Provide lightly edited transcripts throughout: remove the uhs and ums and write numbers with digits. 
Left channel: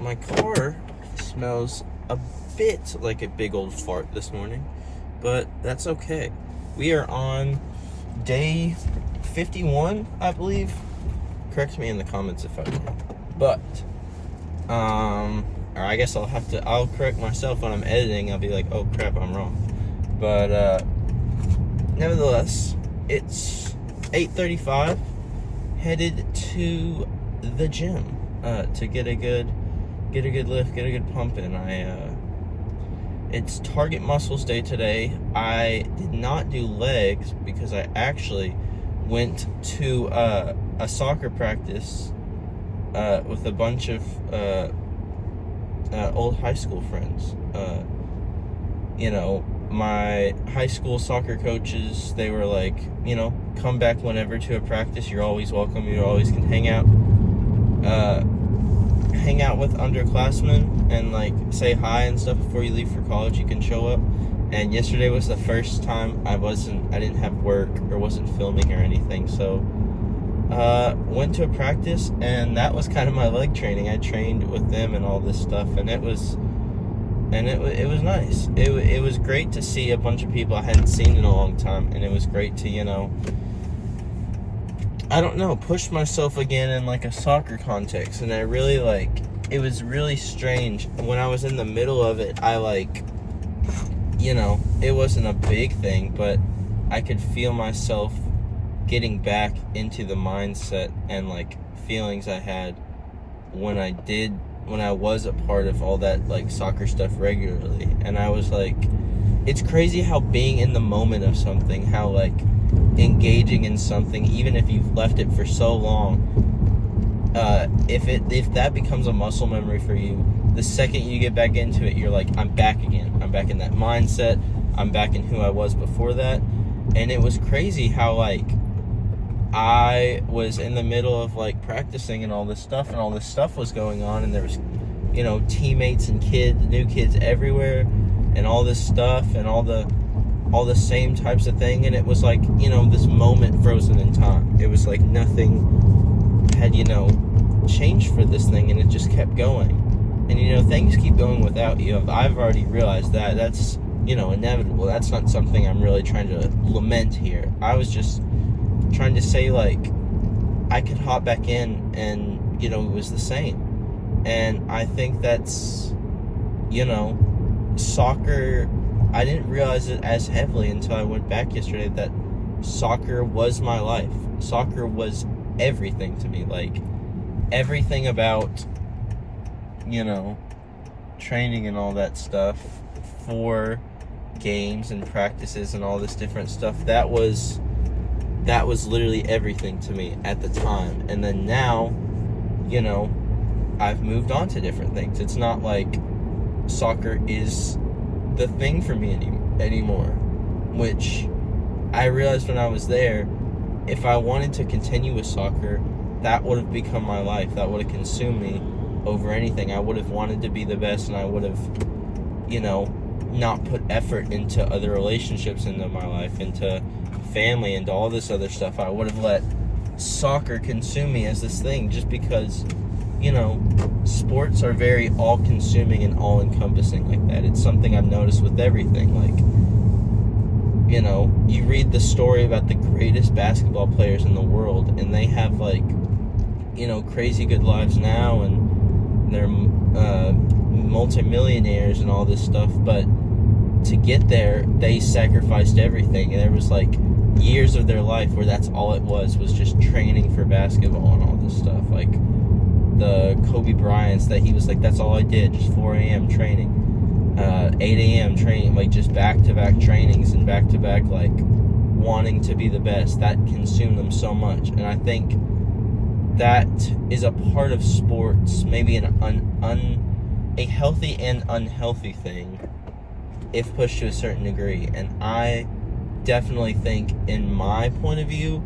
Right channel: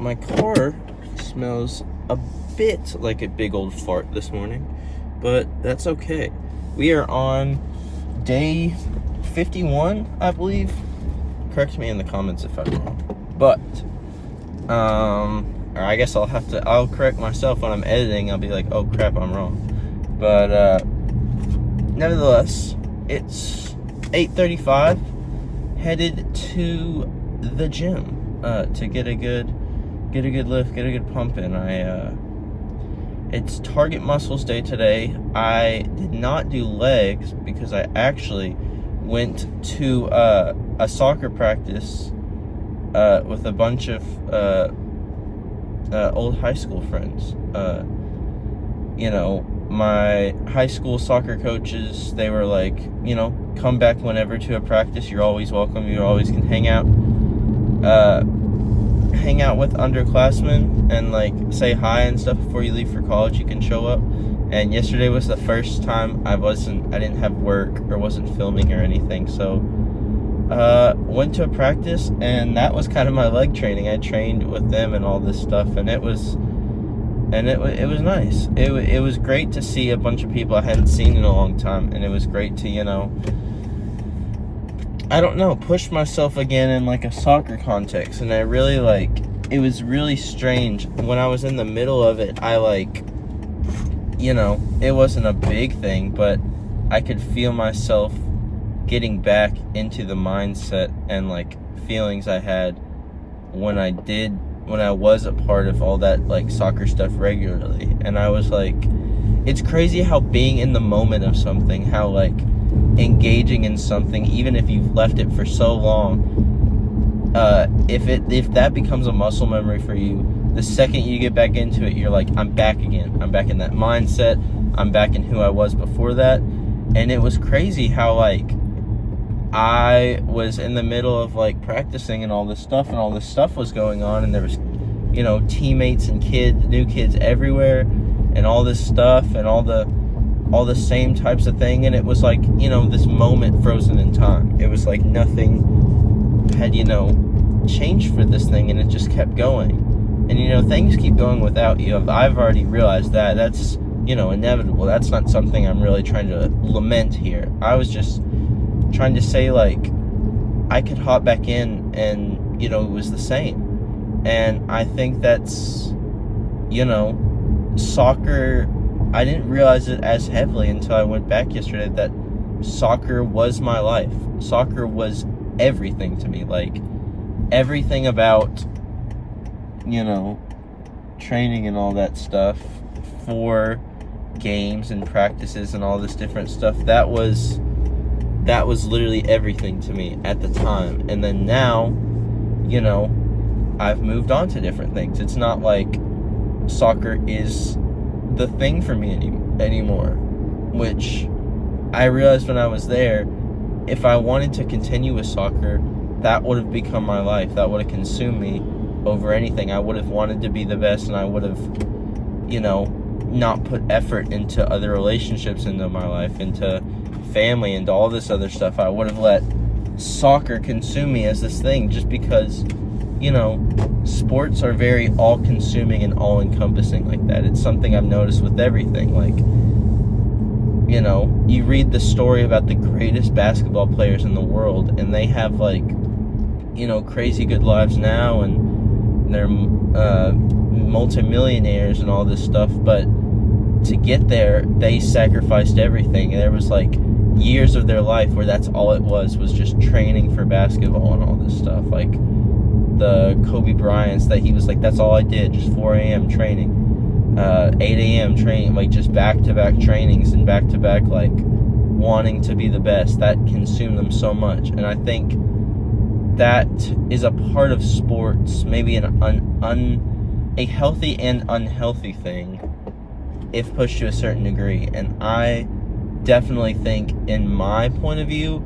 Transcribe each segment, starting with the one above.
my car smells a bit like a big old fart this morning, but that's okay. We are on day 51, I believe. Correct me in the comments if I'm wrong. But, or I guess I'll correct myself when I'm editing. I'll be like, oh crap, I'm wrong. But, nevertheless, it's 8:35, headed to the gym, to get a good lift, get a good pump in. It's target muscles day today. I did not do legs because I actually went to a soccer practice with a bunch of old high school friends. My high school soccer coaches, they were like, come back whenever to a practice. You're always welcome. You always can hang out with underclassmen and like say hi and stuff before you leave for college. You can show up. And yesterday was the first time I didn't have work or wasn't filming or anything, so went to a practice, and that was kind of my leg training. I trained with them and all this stuff, and it was nice. It was great to see a bunch of people I hadn't seen in a long time, and it was great to push myself again in like a soccer context. And I really it was really strange when I was in the middle of it. It wasn't a big thing, but I could feel myself getting back into the mindset and like feelings I had when I was a part of all that like soccer stuff regularly. And I was like, it's crazy how being in the moment of something, how like engaging in something, even if you've left it for so long, if that becomes a muscle memory for you, the second you get back into it, you're like, I'm back again. I'm back in that mindset. I'm back in who I was before that. And it was crazy how like I was in the middle of like practicing and all this stuff was going on, and there was teammates and new kids everywhere, and all this stuff and all the same types of thing. And it was like this moment frozen in time. It was like nothing had changed for this thing, and it just kept going. And things keep going without you. I've already realized that. That's inevitable. That's not something I'm really trying to lament here. I was just trying to say like I could hop back in and it was the same. And I think that's soccer, I didn't realize it as heavily until I went back yesterday, that soccer was my life. Soccer was everything to me. Like everything about training and all that stuff for games and practices and all this different stuff, that was literally everything to me at the time. And then now I've moved on to different things. It's not like soccer is the thing for me anymore, which I realized when I was there, if I wanted to continue with soccer, that would have become my life. That would have consumed me over anything. I would have wanted to be the best, and I would have not put effort into other relationships into my life, into family, into all this other stuff. I would have let soccer consume me as this thing, just because sports are very all-consuming and all-encompassing like that. It's something I've noticed with everything. Like you read the story about the greatest basketball players in the world, and they have like crazy good lives now, and they're multimillionaires and all this stuff, but to get there, they sacrificed everything. And there was like years of their life where that's all it was just training for basketball and all this stuff. Like the Kobe Bryant's, that he was like, that's all I did, just 4 a.m. training, 8 a.m. training, like just back-to-back trainings and back-to-back like wanting to be the best. That consumed them so much. And I think that is a part of sports, maybe a healthy and unhealthy thing if pushed to a certain degree. And I definitely think, in my point of view,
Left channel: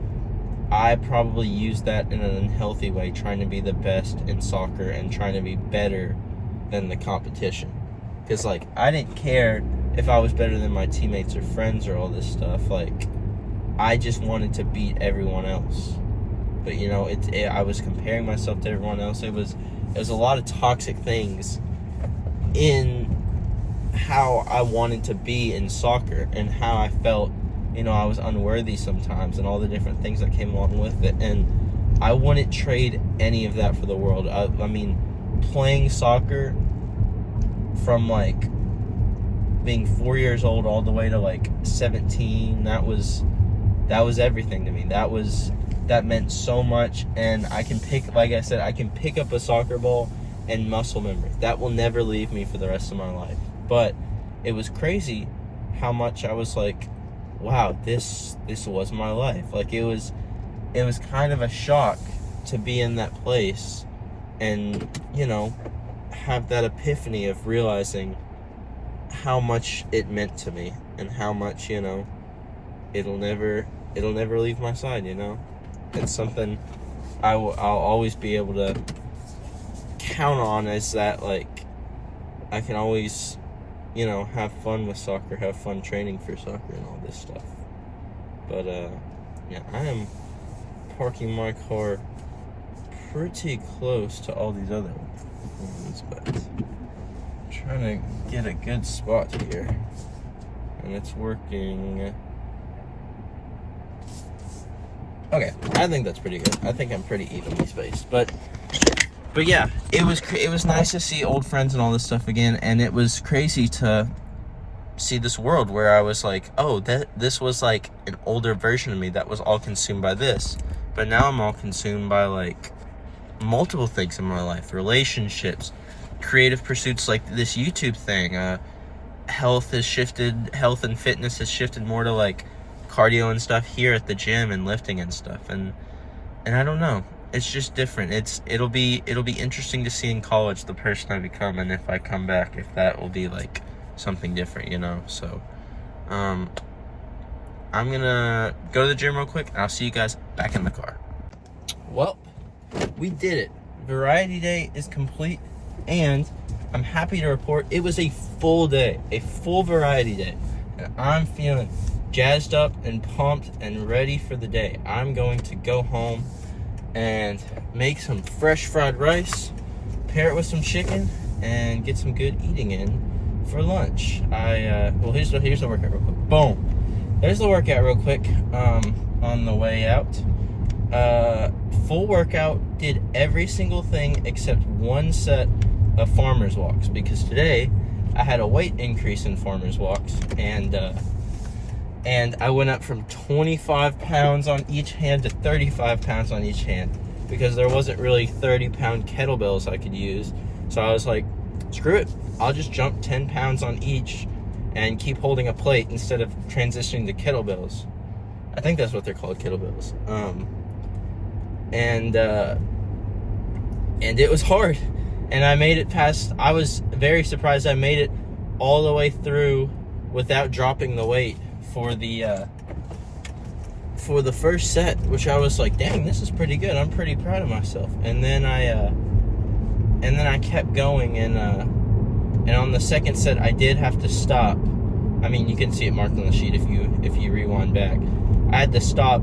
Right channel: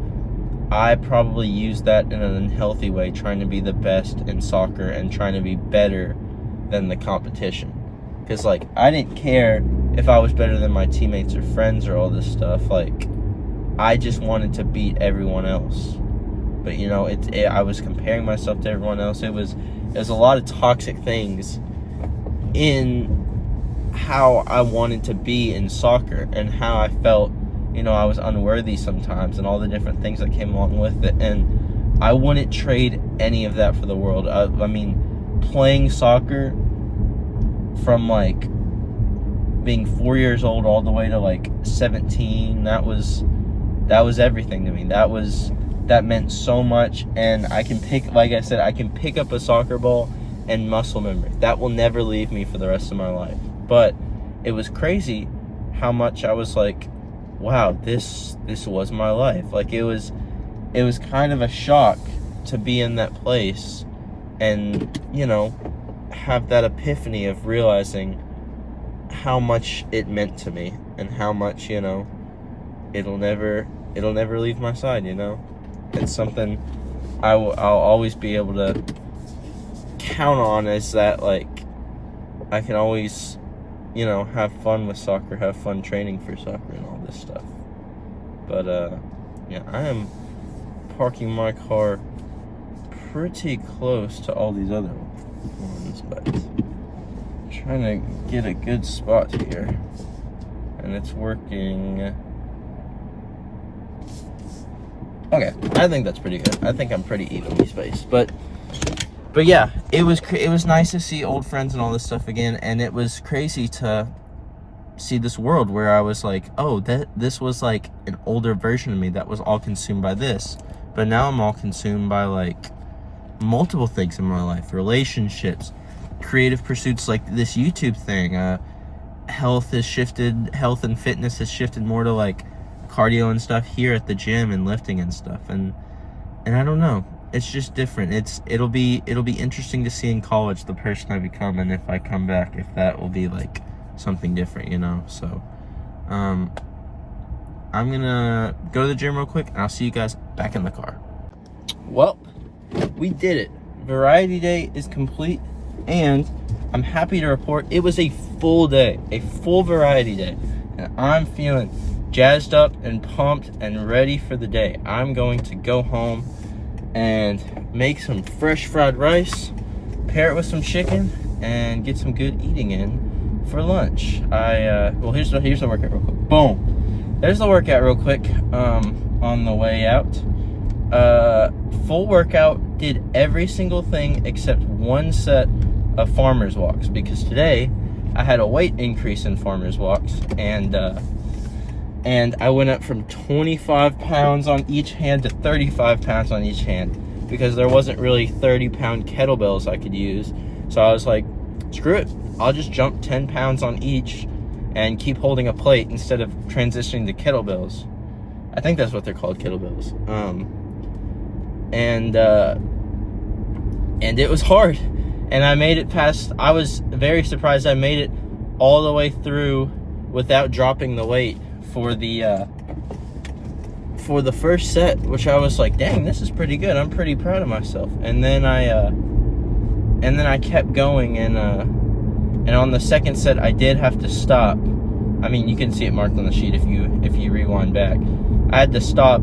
I probably use that in an unhealthy way, trying to be the best in soccer and trying to be better than the competition. Because like I didn't care if I was better than my teammates or friends or all this stuff. Like I just wanted to beat everyone else. But I was comparing myself to everyone else. It was there's a lot of toxic things in how I wanted to be in soccer and how I felt, I was unworthy sometimes and all the different things that came along with it. And I wouldn't trade any of that for the world. I mean, playing soccer from like being 4 years old all the way to like 17, that was everything to me. That meant so much. And I can pick up a soccer ball and muscle memory. That will never leave me for the rest of my life. But it was crazy how much I was like, wow, this was my life. Like it was kind of a shock to be in that place and, have that epiphany of realizing how much it meant to me and how much, it'll never leave my side, It's something I'll always be able to count on, as that, like, I can always, have fun with soccer, have fun training for soccer and all this stuff. But, yeah, I am parking my car pretty close to all these other ones, but trying to get a good spot here, and it's working. Okay, I think that's pretty good. I think I'm pretty evenly spaced, but yeah, it was nice to see old friends and all this stuff again, and it was crazy to see this world where I was like, oh, this was like an older version of me that was all consumed by this, but now I'm all consumed by like multiple things in my life: relationships, creative pursuits, like this YouTube thing. Health and fitness has shifted more to like cardio and stuff here at the gym and lifting and stuff, and I don't know, it's just different. It'll be interesting to see in college the person I become, and if I come back, if that will be like something different, so I'm gonna go to the gym real quick, and I'll see you guys back in the car. Well, we did it. Variety day is complete, and I'm happy to report it was a full day, a full variety day, and I'm feeling jazzed up and pumped and ready for the day. I'm going to go home and make some fresh fried rice, pair it with some chicken, and get some good eating in for lunch. Well, here's the workout real quick. Boom. There's the workout real quick on the way out. Full workout, did every single thing except one set of farmer's walks, because today I had a weight increase in farmer's walks, and I went up from 25 pounds on each hand to 35 pounds on each hand, because there wasn't really 30-pound kettlebells I could use. So I was like, screw it, I'll just jump 10 pounds on each and keep holding a plate instead of transitioning to kettlebells. I think that's what they're called, kettlebells. And it was hard, and I made it past. I was very surprised I made it all the way through without dropping the weight for the first set, which I was like, dang, this is pretty good. I'm pretty proud of myself. And then I kept going, and on the second set I did have to stop. I mean, you can see it marked on the sheet if you rewind back. I had to stop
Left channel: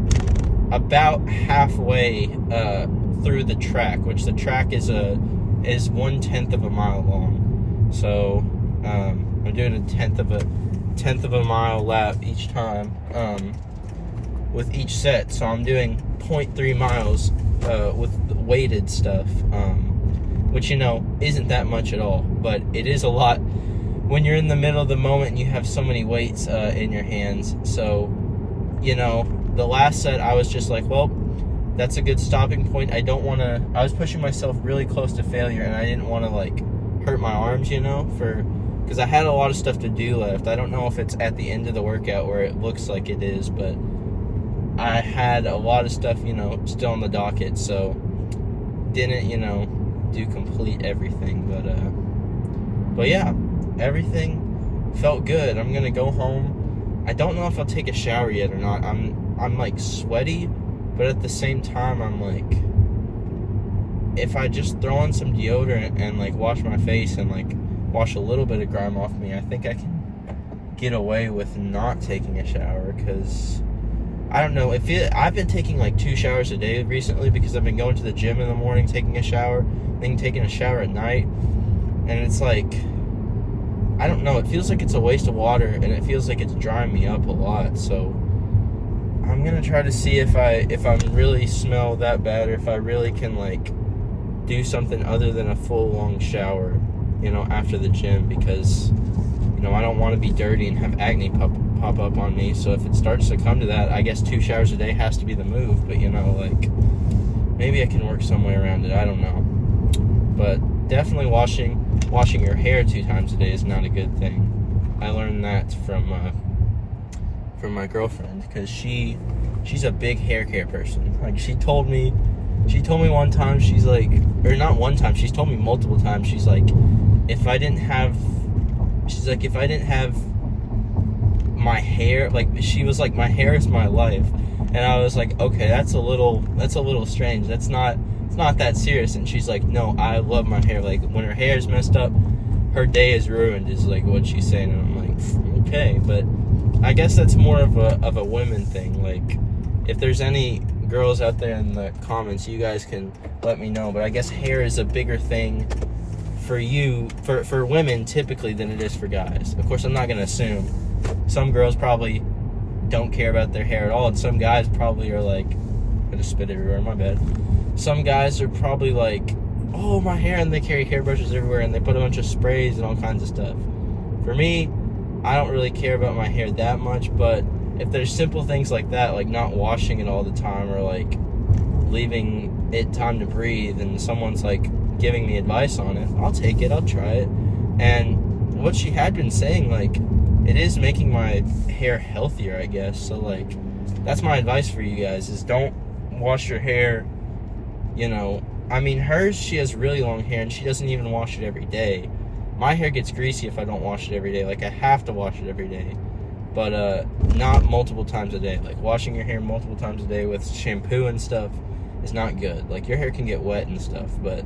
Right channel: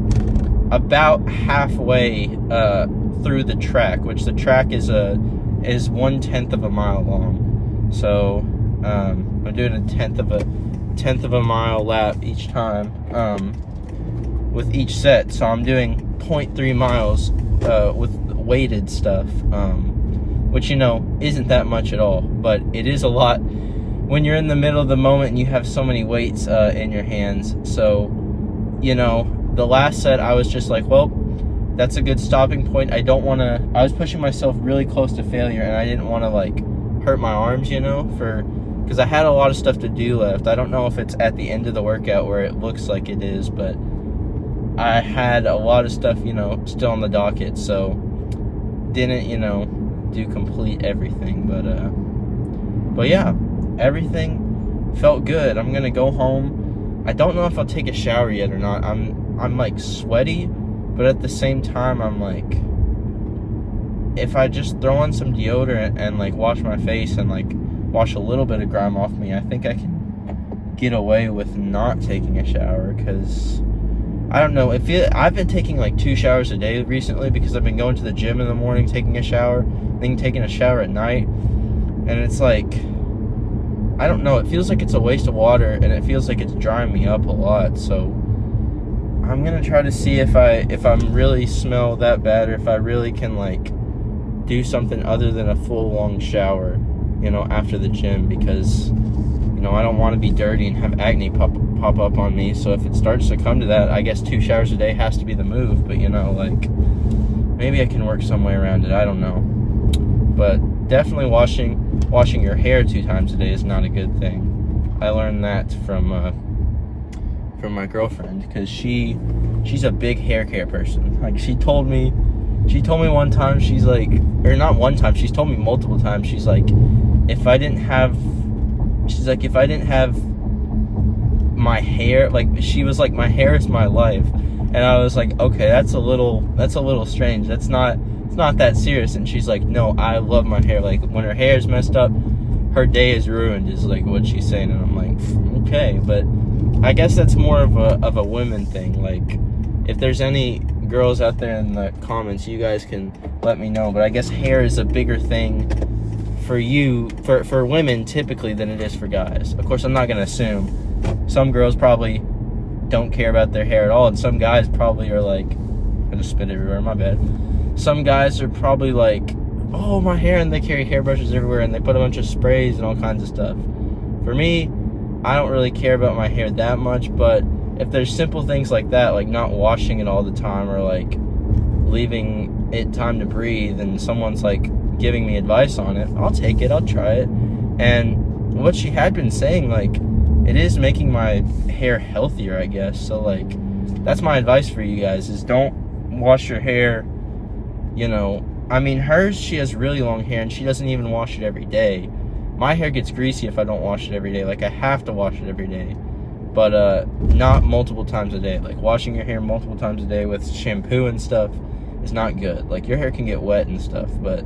about halfway through the track, which the track is 1/10 of a mile long. So I'm doing a tenth of a mile lap each time with each set. So I'm doing 0.3 miles with weighted stuff, which isn't that much at all, but it is a lot when you're in the middle of the moment and you have so many weights in your hands. So the last set I was just like, well, that's a good stopping point. I was pushing myself really close to failure, and I didn't want to like hurt my arms, because I had a lot of stuff to do left. I don't know if it's at the end of the workout where it looks like it is, but I had a lot of stuff, still on the docket, so didn't, do complete everything. But yeah, everything felt good. I'm gonna go home. I don't know if I'll take a shower yet or not. I'm like sweaty, but at the same time I'm like, if I just throw on some deodorant and like wash my face and like wash a little bit of grime off me, I think I can get away with not taking a shower, because I don't know, I've been taking like 2 showers a day recently, because I've been going to the gym in the morning, taking a shower, thing taking a shower at night, and it's like, I don't know, it feels like it's a waste of water, and it feels like it's drying me up a lot. So I'm gonna try to see if I'm really smell that bad, or if I really can like do something other than a full long shower, you know, after the gym, because, you know, I don't want to be dirty and have acne pop up on me. So if it starts to come to that, I guess 2 showers a day has to be the move. But, you know, like, maybe I can work some way around it. I don't know. But definitely washing your hair 2 times a day is not a good thing. I learned that from my girlfriend, because she's a big hair care person. Like, she told me one time, she's like, or not one time, she's told me multiple times, she's like, if I didn't have my hair, like, she was like, my hair is my life. And I was like, okay, that's a little strange. It's not that serious. And she's like, no, I love my hair. Like, when her hair is messed up, her day is ruined, is like what she's saying. And I'm like, okay, but I guess that's more of a women thing. Like, if there's any girls out there in the comments, you guys can let me know. But I guess hair is a bigger thing for women typically than it is for guys. Of course, I'm not gonna assume. Some girls probably don't care about their hair at all, and some guys probably are like, I just spit everywhere, my bad. Some guys are probably like, oh, my hair, and they carry hairbrushes everywhere, and they put a bunch of sprays and all kinds of stuff. For me, I don't really care about my hair that much, but if there's simple things like that, like not washing it all the time, or like leaving it time to breathe, and someone's like giving me advice on it, I'll take it, I'll try it. And what she had been saying, like, it is making my hair healthier, I guess. So like, that's my advice for you guys, is don't wash your hair, you know. I mean, hers, she has really long hair and she doesn't even wash it every day. My hair gets greasy if I don't wash it every day. Like, I have to wash it every day, but not multiple times a day. Like, washing your hair multiple times a day with shampoo and stuff is not good. Like, your hair can get wet and stuff, but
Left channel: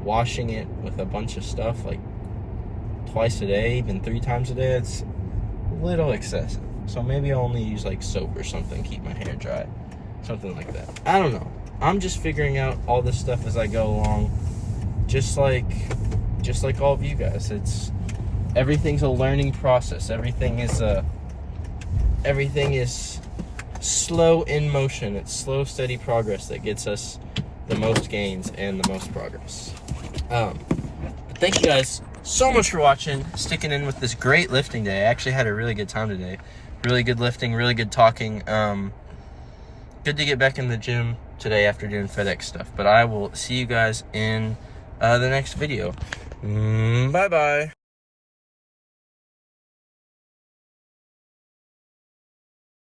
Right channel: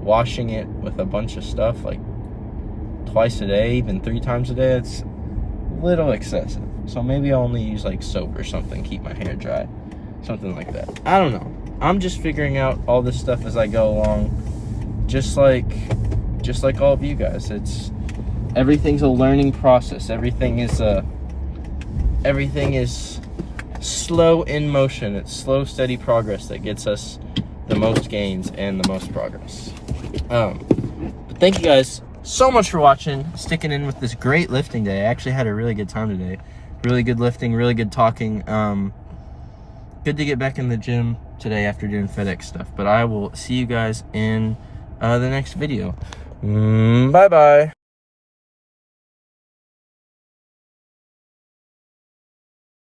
washing it with a bunch of stuff, like twice a day, even 3 times a day, it's a little excessive. So maybe I'll only use like soap or something, keep my hair dry, something like that. I don't know. I'm just figuring out all this stuff as I go along, just like all of you guys. Everything's a learning process. Everything is slow in motion. It's slow, steady progress that gets us the most gains and the most progress. But thank you guys so much for watching, sticking in with this great lifting day. I actually had a really good time today. Really good lifting, really good talking. Good to get back in the gym today after doing FedEx stuff. But I will see you guys in the next video. Bye-bye.